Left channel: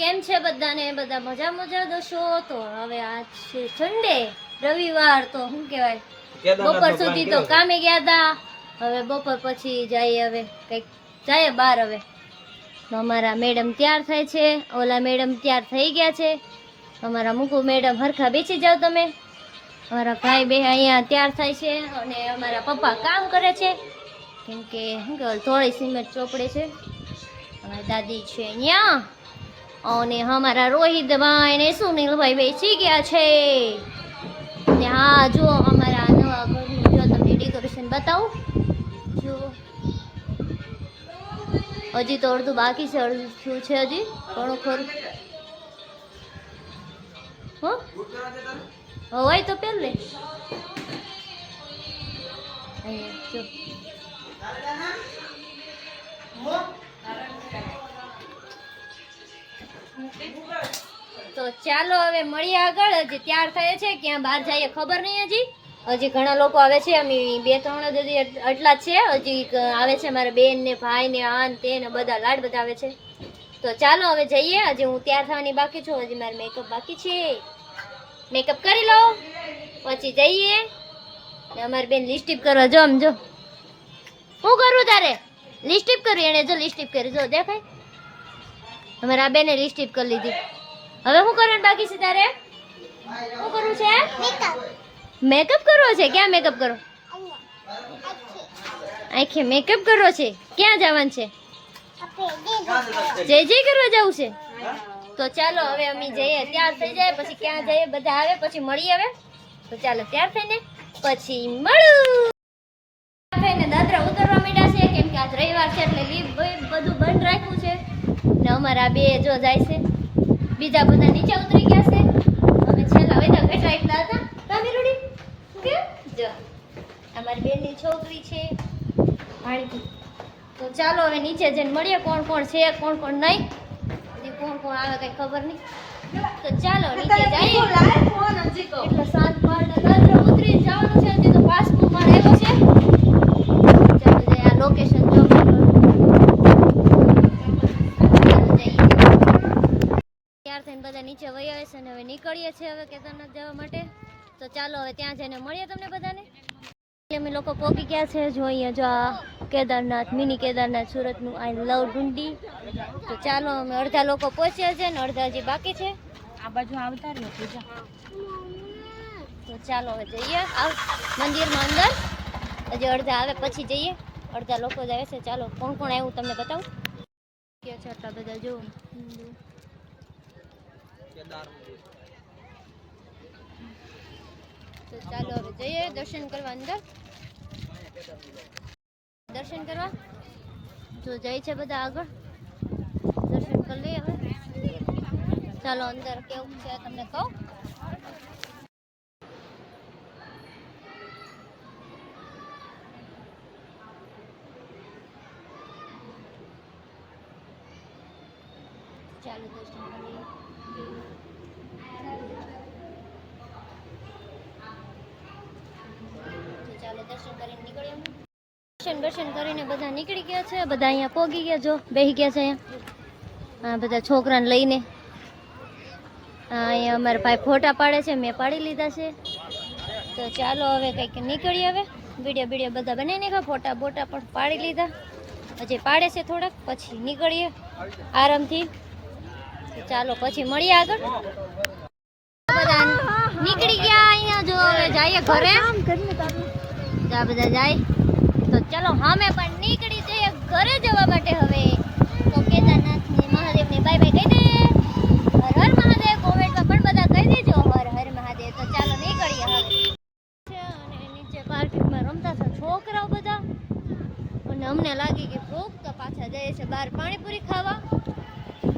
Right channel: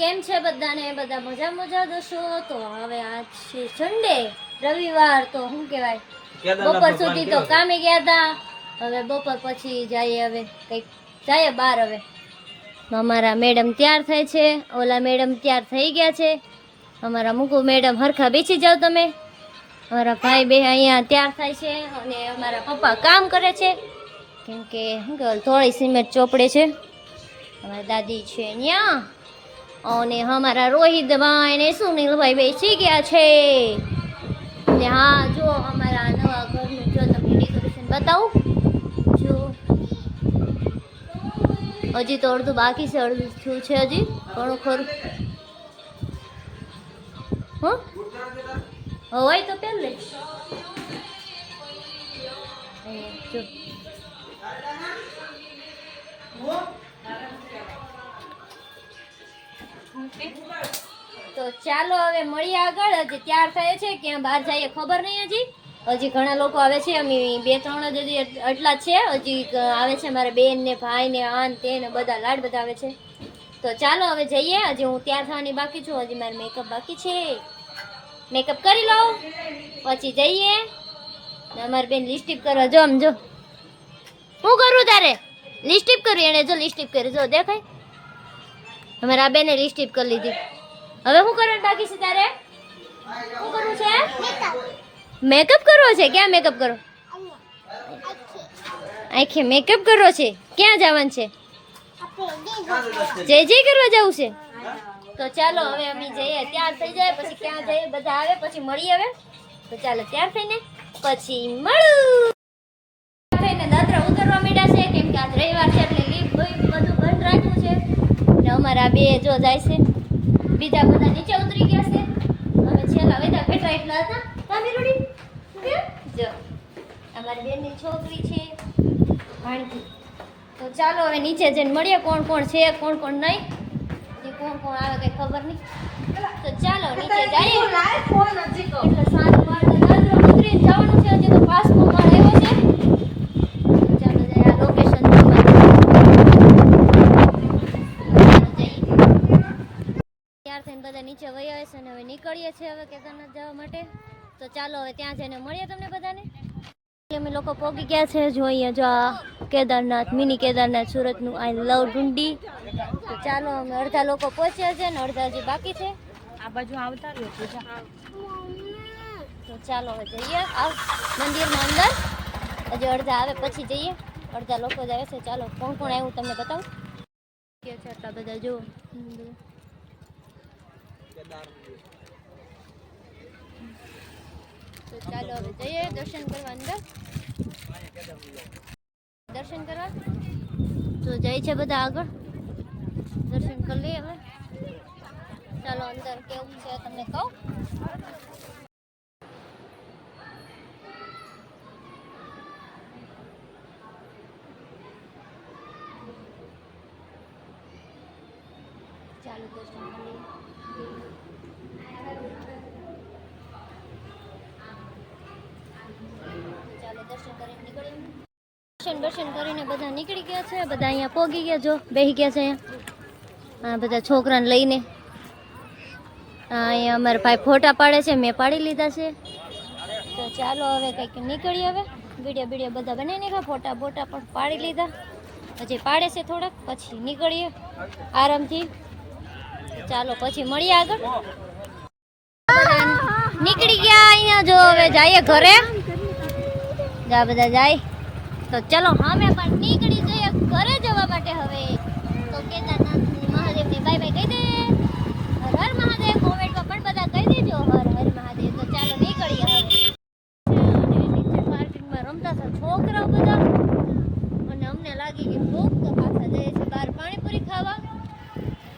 કેમ છે બધાને? બધા મજા મજા દોશો. તો હવે આજ છે સન્ડે, રવિવાર. તો શું કહેવાય, બપોર સુધી તો કામે ગયા હતા. હવે બપોર પછી જઈએ, હવે કંઈક જાય બહાર. હવે અમારા મેડમ તૈયાર થાય છે, ઓલા મેડમ તૈયાર થઈ ગયા છે. અમારા મુકુ મેડમ હરખા બેસી જાઓ તમે. અમારા ભાઈ બે અહીંયા તૈયાર થાય છે અને અમારા પપ્પા કામ કરે છે, કેમ કે શું કહેવાય થોડી સિમેન્ટ ચોપડે છે. અમારી દાદી છે અહીંયા અને અમારા રોહિતભાઈ ને સુનિલભાઈ બેસી ગયા છે. ને હા, જો અમારા નવા ઘરનું જો તમને ડેકોરેશન બતાવું. જો હજી તો અડધું બાકી છે, અડધું થયું છે હજી ઘણું ખરું. હોય તો પહેલે અહીંયા જો તો ચાલો હવે મળીએ આગળ. હજી તૈયાર થાય છે, ક્યાં બહાર જઈએ ખબર નહીં. હજી ઘણા લોકો આવે છે, અમે 2-3 જ હજી એટલા જ છે. હજી આવે છે મારા બેન ને ભાઈ ને આન તે ને બધા લાડ બધા આવે છે. તો ચાલો હવે જઈએ. હજી હું તૈયાર થવાની બાકી છું, હજી મારે મેકઅપ બાકી છે. મેકઅપ કરી લો પછી જઈએ. ને અમારી બેન લિપસ્ટિક કરવા જો. આમ જો શું કરું તારે? લિપસ્ટિક કરી. એને જો લિપસ્ટિક કરી, જો દેખાય. અમારા બેને લિપસ્ટિક કરી લીધી. હવે શું કરવાનું બાકી છે તારે? શું કરવું છે? મેકઅપ કરવો છે. ક્યાં મેકઅપ કરો? આખે મેકઅપ કરવો છે. ક્યાં જવાનું છે? જય જય કરવા જવું છે. તો ચાલો હવે અમે જઈએ, તૈયાર થઈ જાય પછી ક્યાં જઈએ, બધા આવે પછી મળીએ. હવે તો ચાલો તૈયાર થઈને પછી મળું. દાદરા ઉતરવા માંડ્યા છે, કેમ કે આજ રવિવાર છે એટલે લીપ બધું બંધ રાખ્યું છે. ને અમારા બે જો જાય છે, બીજા બધા નીચે ઉતરી ગયા છે. અમે છેલ્લા વૈદા ઘટા એટલા હતા. કામીરુડી કે જો અમારી બેનની છોકરી છે ભાણકી. તો ચાલો હવે નીચે જઈને મળીએ, કોણ કોણ છે કોણ કોણ નહીં. કોણ કોણ આવે કઈ ખબર નહીં. તો ચાલો નીચે જઈએ. એટલે 7 માળ દાદરા ઉતરીને જવાનું છે. હજી તો 5મો માળ આવ્યો છે. ચાલો જઈએ. આ લોકેશન તૈયાર થઈને બધા નીચે વહી આવે છે અને હવે નીકળીએ છીએ હવે કેદારનાથ જવા માટે. તો ચાલો હવે ત્યાં જઈને મળીએ તમને બધાને. અમે લોકો પહોંચી ગયા છે. જોઈએ જો આ કેદારનાથ, મિની કેદારનાથ સુરતનું. આઈ લવ ડુંડી. તો ચાલો અમે અડધા લોકો પહોંચ્યા છે ને અડધા હજી બાકી છે. આ બાજુ આવતા રહ્યો પૂજા. તો ચાલો હવે જઈએ મંદિરમાં અંદર. હજી અડધા આવે પછી જઈએ. અડધા લોકો જ આવે છે. ચાલો કોણ કોણ આવ્યું તમને બતાવું. કે છો આટલા બધા જો. તો ચાલો હવે જઈએ દર્શન કરવા અંદર. દર્શન કરવા તો જાય છે બધા આગળ. દર્શન કરી લઈએ હવે. ચાલો અંદર કેવું છે તમને કહું. ચાલો દર્શન કરી. ચાલો દર્શન કરીને નીકળીએ. દર્શન કરીને બધા નીકળી ગયા છે. બધા અહીંયા પોગી ગયા, જો બેસી ગયા છે અહીંયા. હા, બધા છોકરાને લઈને. અહીંયા અમારા ભાઈ ફોટા પાડે છે, મેં પાડી લીધા છે. તો ચાલો હવે કંઈક નીકળીએ. હવે વિડીયો બધા બનાવી નાખ્યા, ફોટા બોટા પણ પાડી લીધા. હજી પાડે છે થોડાક, પછી નીકળીએ આરામથી. તો ચાલો પછી મળીએ આગળ. નીકળી ગયા અહીંયા. જો હવે જઈએ ઘરે. જા બધા જાય. તો ચલો અમે પણ નીકળી જઈએ ઘરે જવા માટે. હવે તો કેદારનાથની મહાદેવને બાય બાય કહી દે. હર હર મહાદેવ. કોમેન્ટમાં પણ બધા કહી દેજો હર હર મહાદેવ. તો ચાલો નીકળીએ હવે. નીચે પાર્કિંગમાં રમતા હતા છોકરાઓ બધા અને અમને લાગી કે ભૂખ. તો પાછા જઈએ છે બહાર પાણીપુરી ખાવા.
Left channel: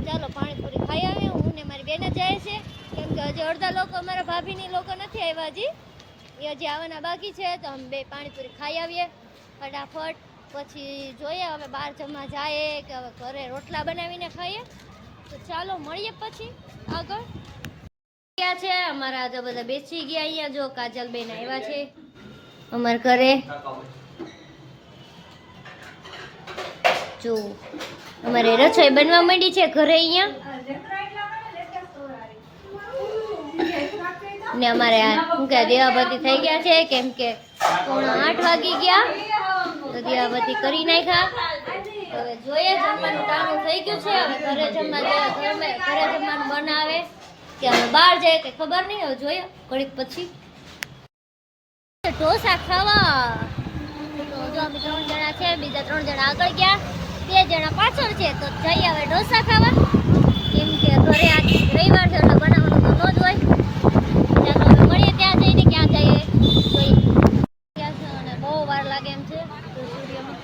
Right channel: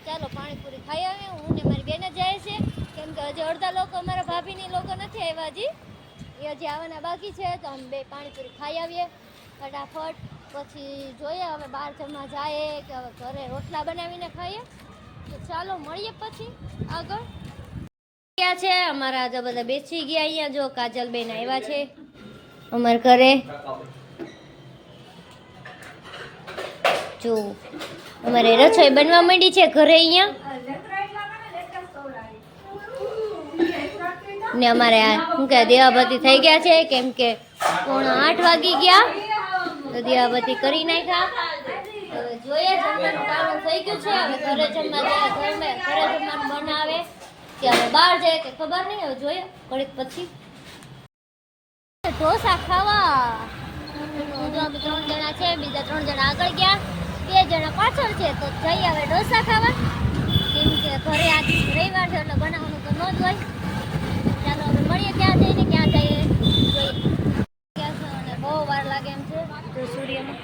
ચાલો પાણીપુરી ખાઈ આવીએ. હું ને મારી બેન જાય છે, કેમ કે હજી અડધા લોકો અમારા ભાભીની લોકો નથી આવ્યા હજી. એ હજી આવવાના બાકી છે. તો અમે બે પાણીપુરી ખાઈ આવીએ ફટાફટ. પછી જોઈએ હવે બહાર જમવા જાય કે હવે ઘરે રોટલા બનાવીને ખાઈએ. તો ચાલો મળીએ પછી આગળ. ગયા છે અમારા તો બધા બેસી ગયા અહીંયા. જો કાજલબેન આવ્યા છે અમારા ઘરે. જો અમારે રસોઈ બનવા માંડી છે ઘરે અહીંયા. ને અમારે આ શું કે દીવાબત્તી થઈ ગયા છે, કેમ કે 7:30 વાગી ગયા, તો દીવાબત્તી કરી નાખ્યા. હવે જોઈએ, જમવાનું ટાણું થઈ ગયું છે. હવે ઘરે જમવા જાય, ઘરે જમવાનું બનાવે કે હવે બહાર જાય કે ખબર નહીં. હવે જોઈએ ઘડીક પછી ઢોસા ખાવા. તો જો અમે 3 જણા છે, બીજા 3 જણા આગળ ગયા, 2 જણા પાછળ છે. તો જઈએ હવે ઢોસા ખાવા, કેમ કે ઘરે આજ રવિવાર છે એટલે બનાવવાનું તો ન જ હોય. ચાલો હવે મળીએ ત્યાં જઈને, ક્યાં જઈએ જોઈએ. ક્યાં છે અને બહુ વાર લાગે એમ છે. તો સૂર્યમાં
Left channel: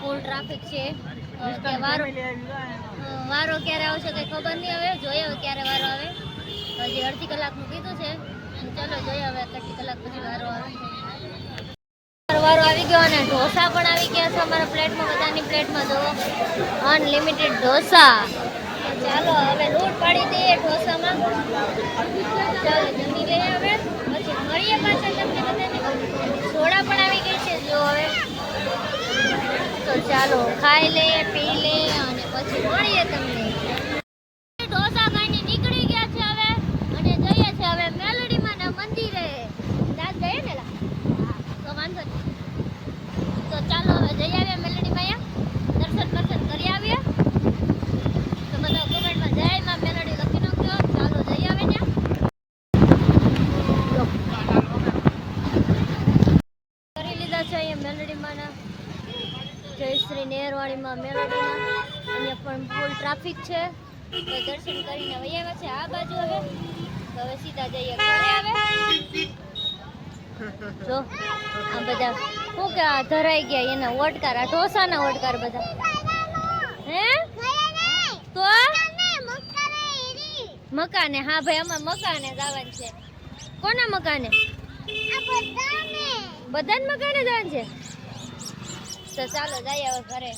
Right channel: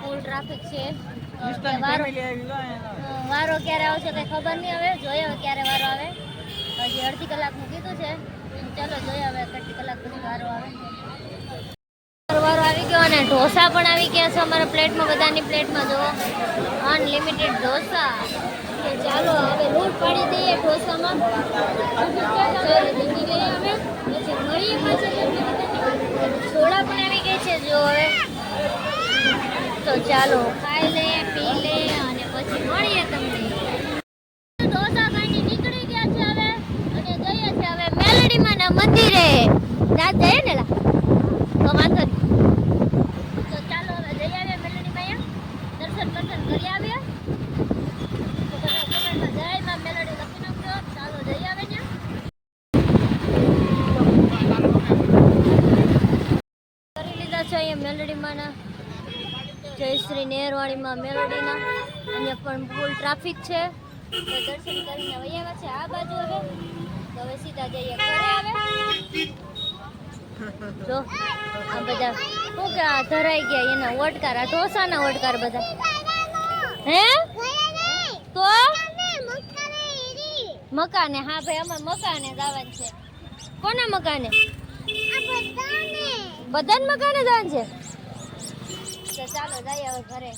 ફૂલ ટ્રાફિક છે. વારો ક્યારે આવશે કઈ ખબર નહીં. હવે જોઈએ હવે ક્યારે વારો આવે. હજી અડધી કલાકનું કીધું છે. ચાલો જોઈએ હવે કેટલી કલાક પછી વારો આવે. વારો આવી ગયો અને ઢોસા પણ આવી ગયા છે અમારા પ્લેટમાં. બધાની પ્લેટમાં જો અનલિમિટેડ ઢોસા. તો ચાલો હવે લૂંટ પાડી દઈએ ઢોસામાં. ચાલો જમી લઈએ હવે, પછી મળીએ પાછા તમને બધાને. સોડા પણ આવી ગઈ છે જો હવે. તો ચાલો ખાઈ લે, પી લે અને પછી મળીએ તમને. ઢોસા ખાઈને નીકળી ગયા છે હવે, અને જઈએ છે હવે મેલડીમાના મંદિરે. રાત જઈએ ને તો વાંધો નહીં. તો ચાલો હવે જઈ આવીએ મેલડીમાં, દર્શન કરી આવીએ. તો બધા કમેન્ટમાં જય માં મેલડી લખી નાખજો. ચાલો જઈ આવે ત્યાં. કરી લીધા છે અહીંયા મેલડીમાંના જયશ્રી નેહરવાણીમાં મેલડીના. અહીંયા પણ ફૂલ ટ્રાફિક છે. તો દર્શન કરીને વહી આવ્યા છે આ બાજુ. હવે તો હવે સીધા જઈએ ઘરે. હવે જો આ બધા શું કે આ ધરાઈ ગયા એના ઓટકાર, આ ઢોસાના ઓટકાર બધા. હે તો મકાને? હા ભાઈ, અમારે મકાને જવાનું છે. કોના મકાને? બધાને મકાને જવાનું છે. તો ચાલો જઈએ હવે ઘરે.